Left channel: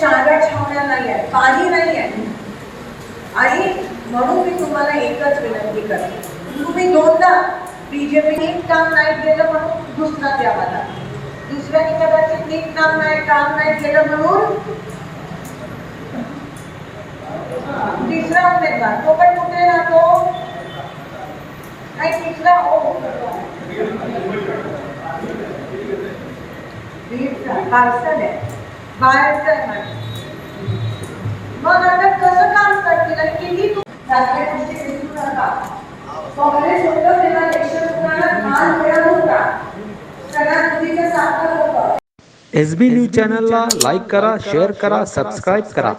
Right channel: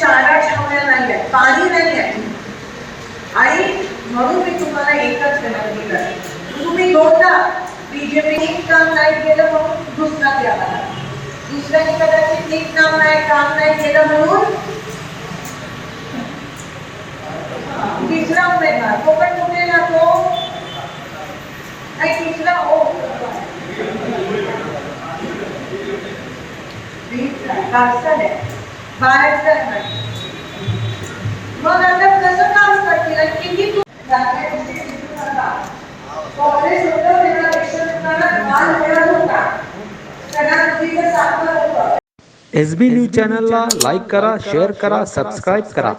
चारा छावण्या नाही आहेत, काही नाही आहे. आणि म्हणून मी तुम्हाला एकच विनंती करते, तुम्ही दोनदा बीजेपी नीट काम नाही केलं म्हणून दुसरा द्या मला, दुसऱ्याने कदाचित नीट काम नाही केलं म्हणून तिसरा उमेदवार, तो पण कुठे ना तो नाही, तिसरा पार्सल आहे बाहेरचा नाही. मग आता कसं काम करतील, किती काँग्रेस होतं तेव्हा भान मिळत होता, सगळ्या मुलीचं साखर होतं. SB न्यूज चॅनलला लाईक करा, शेअर करा, सबस्क्राईब करा.